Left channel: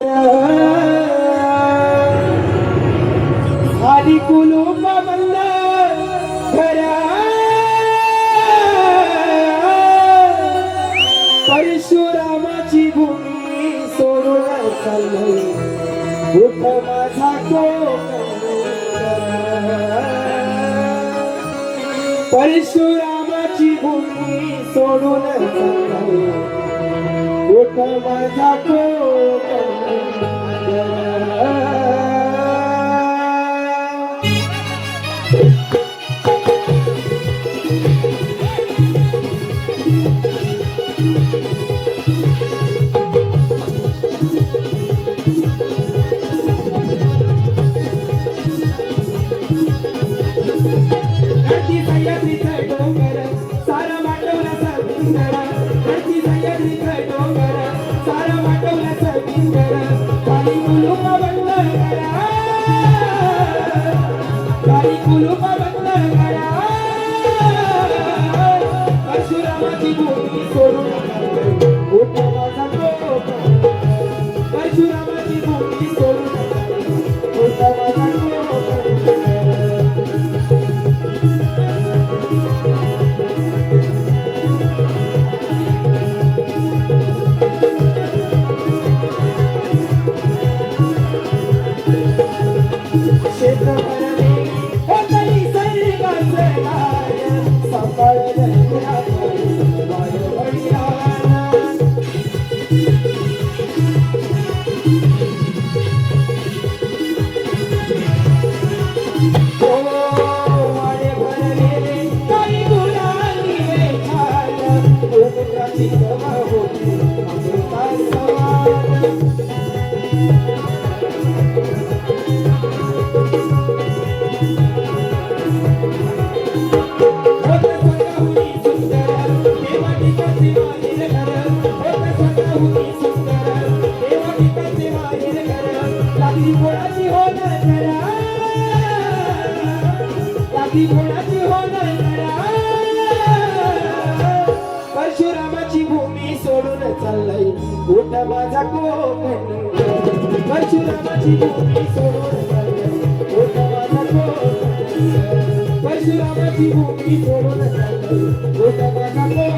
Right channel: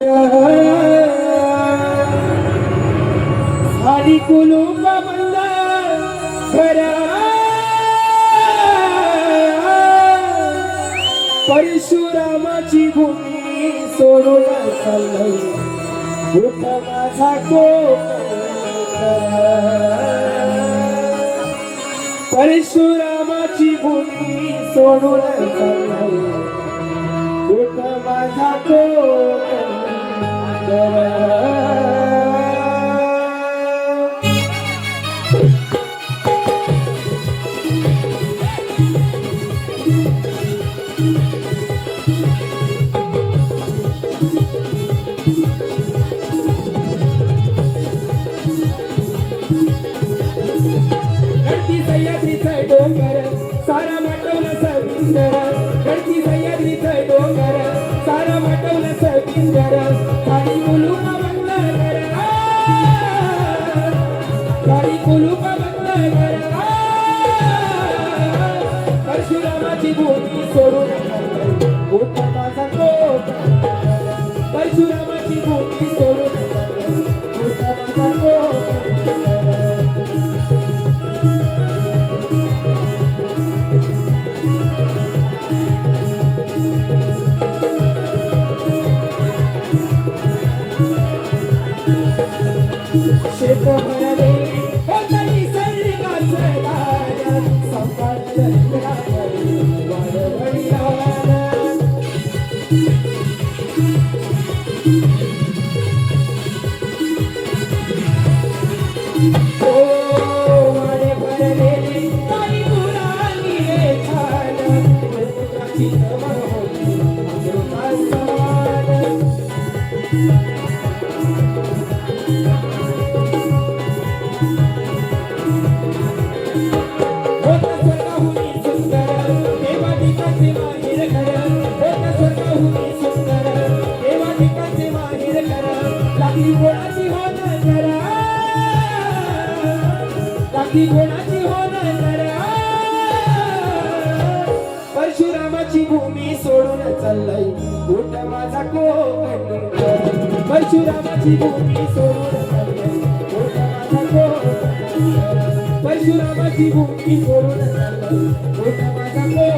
खाली कुलूप बंद खरा परशुरामाची भूमी सोडून चाललंय उठ माझा परशुरामाची भूमी सोडून चाललंय उठ माझा धरती सह्याद्रीचा डोंगर सारा माटवला सविंदर धरती सह्याद्रीचा डोंगर सारा माटवला सविंदर खाली कुलूप बंद करा खाली कुलूप बंद करा परशुरामाची भूमी सोडून उठ माझा परशुरामाची भूमी सोडून उठ माझा परशुरामाची भूमी सोडून चाललंय उठ माझा परशुरामाची भूमी सोडून चाललंय उठ माझा परशुरामाची भूमी सोडून चाललंय उठ माझा